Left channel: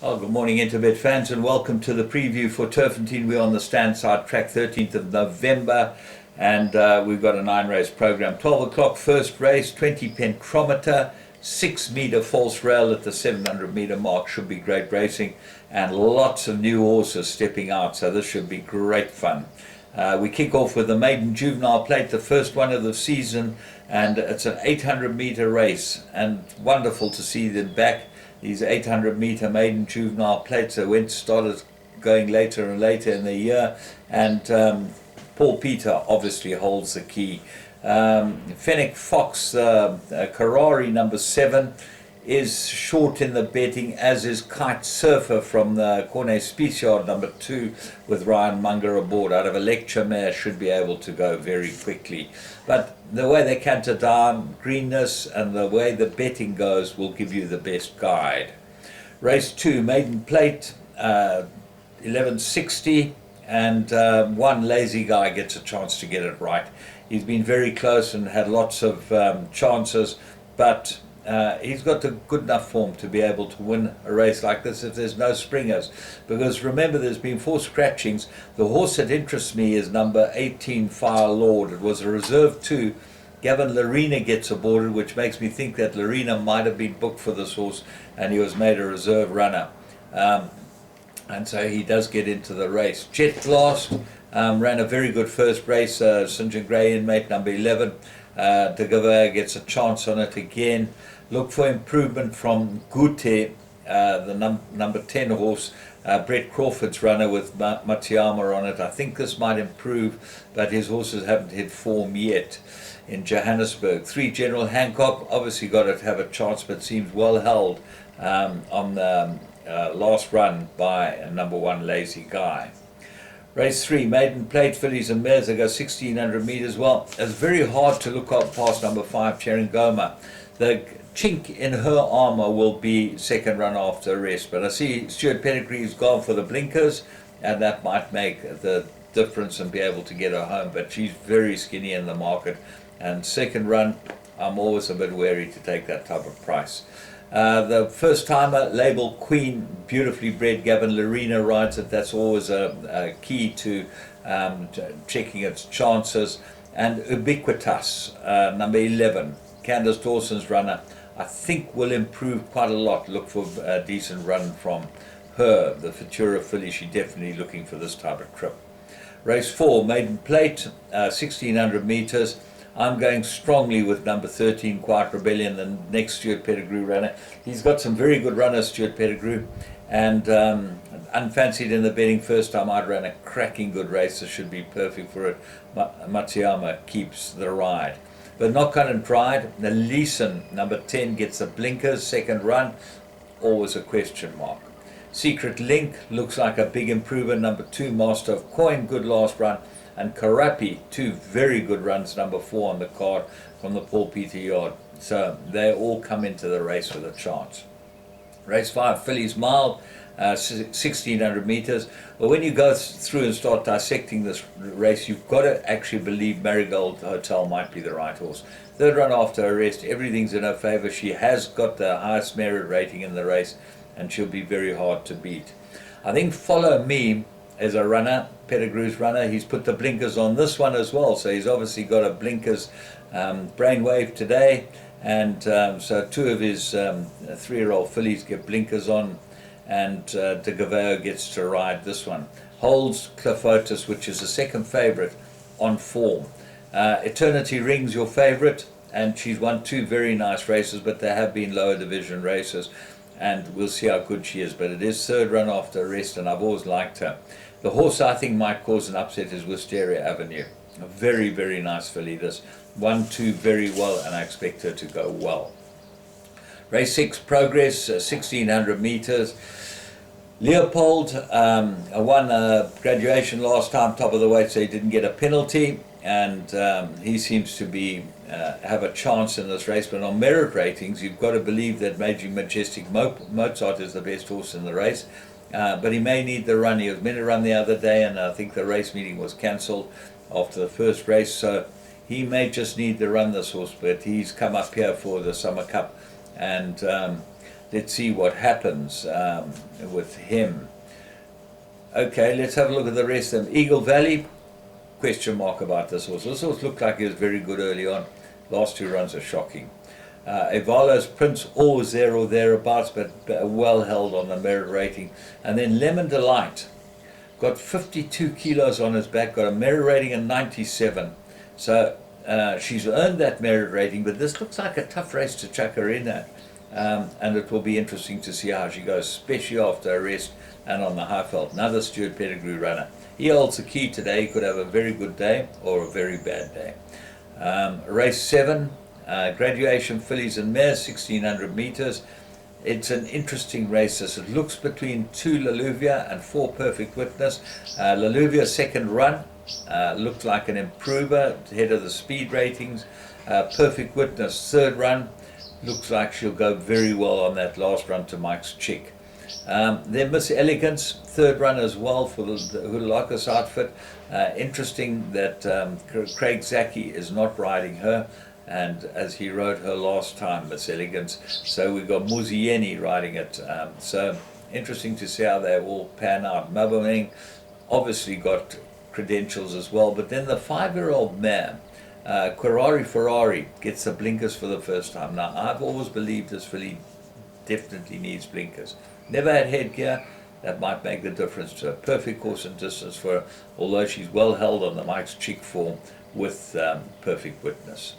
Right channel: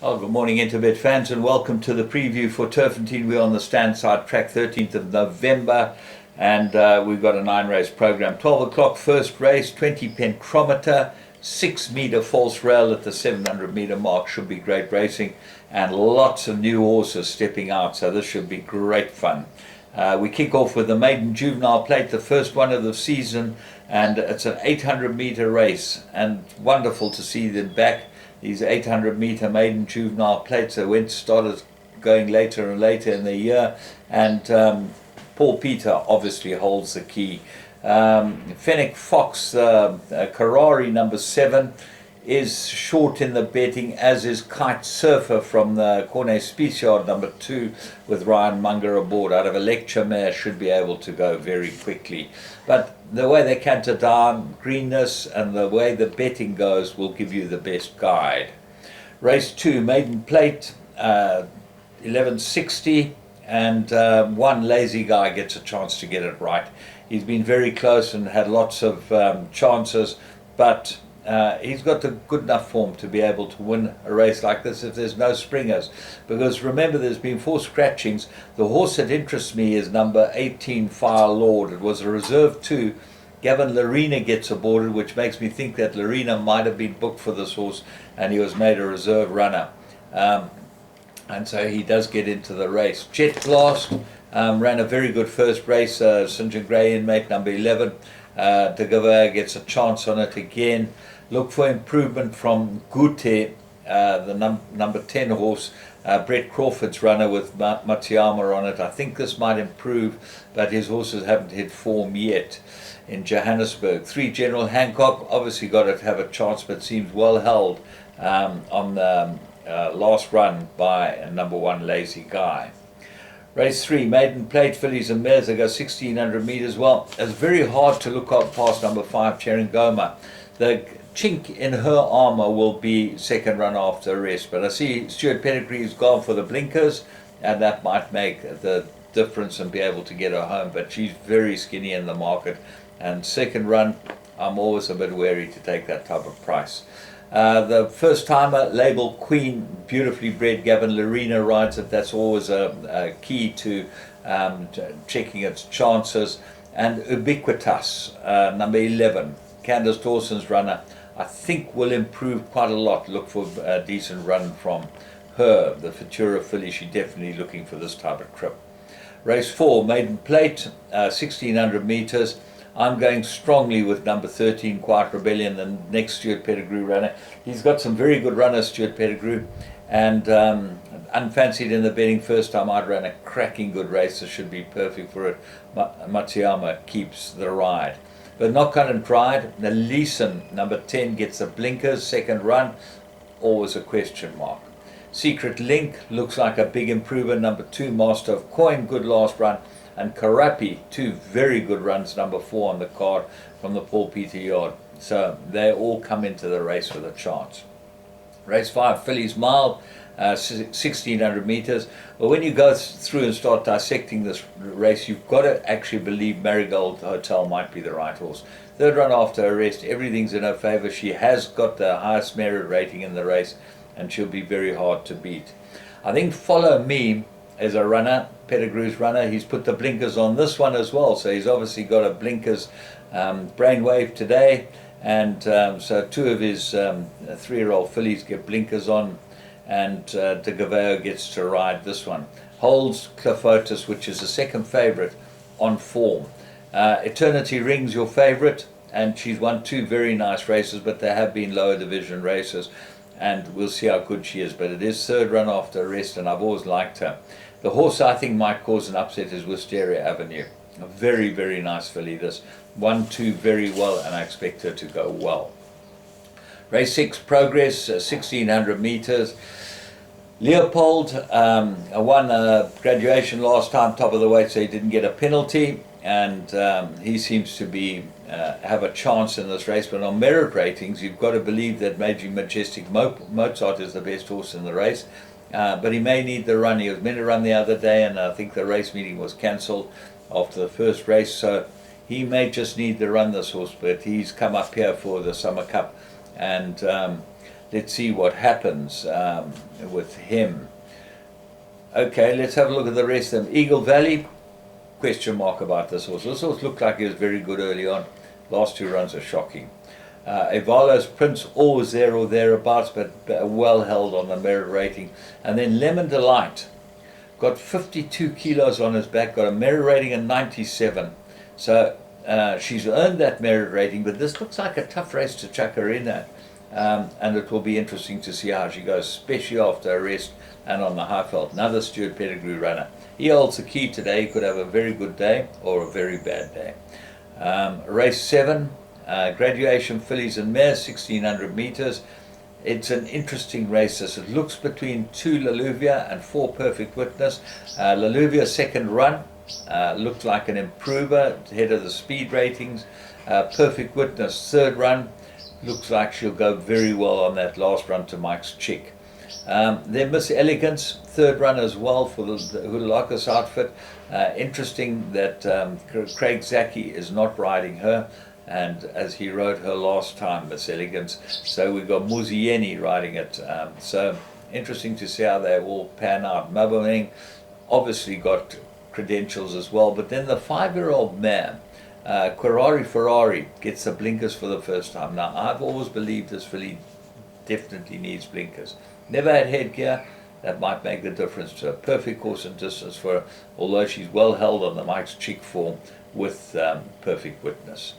Oh, good morning, Interbet fans, and welcome to the preview for Turffontein. We're on the stand side track, 13th of November, and we've got a 9-race program. 12 o'clock, first race, 20 pentrometer, 6-meter false rail at the 700-meter mark. Should be great racing, and lots of new horses stepping out, so this should be great fun. We kick off with the maiden juvenile plate, the first one of the season, and it's an 800-meter race, and wonderful to see them back. These 800-meter maiden juvenile plates that started going later and later in the year, and Paul Peter obviously holds the key. Fennec Fox, Karari number 7, is short in the betting, as is Kite Surfer from the Cornet Special number 2 with Ryan Munger aboard. Out of a lecture mare, should be able to go very quickly. But the way they canter down, greenness, and the way the betting goes will give you the best guide. Race 2, maiden plate, 1160, and one lazy guy gets a chance to get it right. He's been very close and had lots of chances, but he's got the good enough form to be able to win a race like this if there's no springers. Because remember, there's been 4 scratchings. The horse that interests me is number 18, Fire Lord. It was a reserve 2. Gavin Larena gets aboarded, which makes me think that Larena might have been booked for this horse and he was made a reserve runner. And so he does get into the race. Jet Blast ran a very good first race. St. John Gray inmate number 11. De Gavert gets a chance on it again. Look for improvement from Gute, the number 10 horse. Brett Crawford's runner with Matiyama on it. I think this might improve, but his horses haven't hit form yet in Johannesburg. 3, General Hancock, obviously got to have a chance, but seems well held on the last run by number 1, Lazy Guy. Race 3, maiden plate, fillies and mares. They go 1600 meters. Well, it's very hard to look up past number 5, Cherengoma. The chink in her armor will be second run after a rest, but I see Stuart Pedigree's gone for the blinkers, and that might make the difference and be able to get her home, but she's very skinny in the market, and second run, I'm always a bit wary to take that type of price. The first timer, Label Queen, beautifully bred, Gavin Larena rides it. That's always a key to checking its chances. And Ubiquitous, number 11, Candace Dawson's runner, I think will improve quite a lot. Look for a decent run from her. The Futura filly, she's definitely looking for this type of trip. Race 4, maiden plate, 1600 meters. I'm going strongly with number 13, Quiet Rebellion, the next Stuart Pettigrew runner. He's got some very good runners, Stuart Pettigrew, and unfancied in the betting first time I'd ran a cracking good race. This should be perfect for it. Matiyama keeps the ride. But not cut and dried. Leeson, number 10, gets the blinkers, second run, always a question mark. Secret Link looks like a big improver, number 2, Master of Coin, good last run. And Karapi, 2 very good runs, number 4 on the card from the Paul Peter yard. So they all come into the race with a chance. Race 5, Fillies Mild, 1600 meters. But when you go through and start dissecting this race, you've got to actually believe Marigold Hotel might be the right horse. Third run after arrest, everything's in her favor. She has got the highest merit rating in the race, and she'll be very hard to beat. I think Follow Me as a runner, Pettigrew's runner, he's put the blinkers on this one as well, so he's obviously got a blinkers brainwave today, and so 2 of his 3-year-old fillies get blinkers on, and De Gaveo gets to ride this one. Holds Cliffotus, which is the second favourite on form. Eternity Ring's your favourite, and she's won 2 very nice races, but they have been lower division races, and we'll see how good she is, but it is third run after arrest, and I've always liked her. The horse I think might cause an upset is Wisteria Avenue. A very, very nice filly. This 1-2 very well, and I expect her to go well. Race 6, Progress, 1600 meters. Leopold won a graduation last time, top of the weight, so he didn't get a penalty, and he seems to be have a chance in this race. But on merit ratings, you've got to believe that Major Majestic Mozart is the best horse in the race. But he may need the run. He was meant to run the other day, and I think the race meeting was cancelled after the first race, so he may just need to run this horse, but he's come up here for the Summer Cup, and let's see what happens with him. Okay, let's have a look at the rest of them. Eagle Valley, question mark about this horse. This horse looked like he was very good early on. Last 2 runs are shocking. Evalo's Prince, always there or thereabouts, but well held on the merit rating. And then Lemon Delight, got 52 kilos on his back, got a merit rating of 97. So she's earned that merit rating, but this looks like a tough race to chuck her in at. And it will be interesting to see how she goes, especially after a rest and on the high felt. Another Stewart Pedigree runner. He holds the key today. He could have a very good day or a very bad day. Race 7, Graduation Fillies and Mares, 1600 meters. It's an interesting race. As it looks between 2 Laluvia and 4 Perfect Witness. Laluvia's second run looked like an improver ahead of the speed ratings. Perfect Witness third run looks like she'll go very well on that last run to Mike's Chick. Then Miss Elegance, third run as well for the Hudalakis outfit. Interesting that Craig Zaki is not riding her, and as he rode her last time, Miss Elegance. So we've got Muzieni riding it. So interesting to see how they all pan out. Maboneng obviously got credentials as well, but then the 5-year-old mare, Ferrari gets the blinkers for the first time. Now, I've always believed this filly definitely needs blinkers. Never had headgear. That might make the difference to a perfect course and distance for her, although she's well held on the Mike's Chick form with Perfect Witness.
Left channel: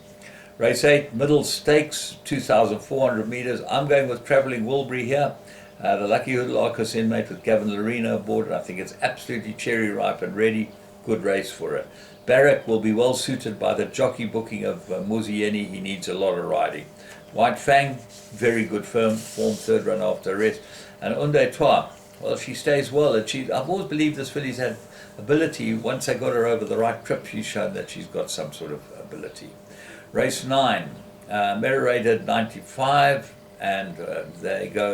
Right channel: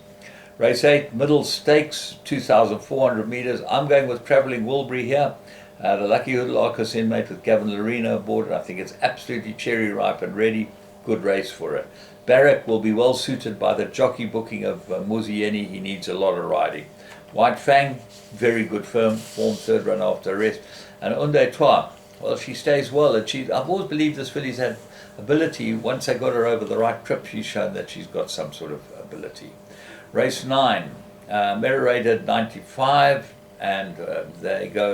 Race 8, Middle Stakes, 2,400 meters. I'm going with Travelling Wilbury here. The Lucky Hudalakis inmate with Gavin Lorena aboard. And I think it's absolutely cherry ripe and ready. Good race for it. Barrack will be well suited by the jockey booking of Muzieni. He needs a lot of riding. White Fang, very good form, third run after a rest. And Unde Trois, well, she stays well. And I've always believed this filly's had ability. Once I got her over the right trip, she's shown that she's got some sort of ability. Race 9, merit rated 95, and there you go,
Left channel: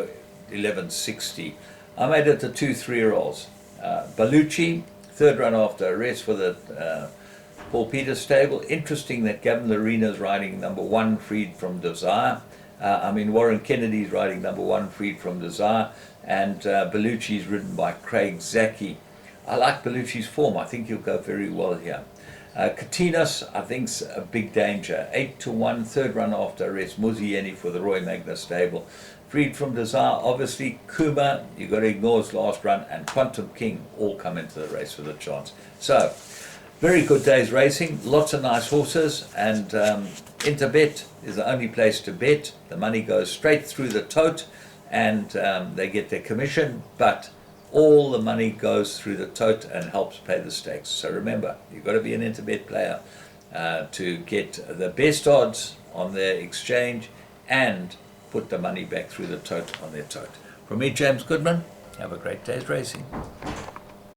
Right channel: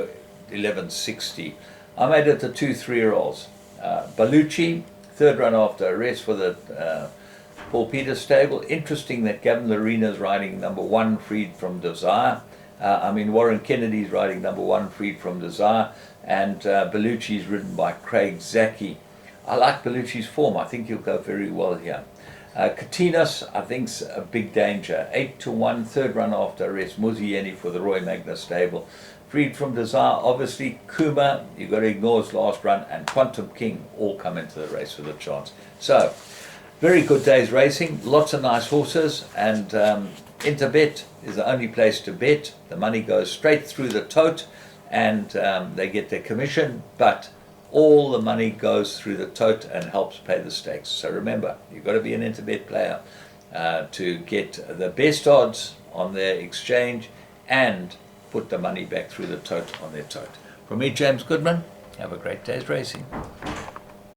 1160. I made it the 2 3-year-olds. Baluchi, third run after a rest for the Paul Peters stable. Interesting that Gavin Lorena's riding number 1, Freed from Desire. Warren Kennedy's riding number 1, Freed from Desire. And Baluchi's ridden by Craig Zaki. I like Baluchi's form. I think he'll go very well here. Katinas, I think's a big danger. 8-1, third run after a rest. Muzieni for the Roy Magnus stable. Freed from Desire, obviously. Kuma, you've got to ignore his last run. And Quantum King all come into the race with a chance. So, very good day's racing. Lots of nice horses. And Interbet is the only place to bet. The money goes straight through the tote. And they get their commission. But all the money goes through the tote and helps pay the stakes. So remember, you've got to be an Interbet player to get the best odds on their exchange and put the money back through the tote on their tote. From me, James Goodman, have a great day's racing.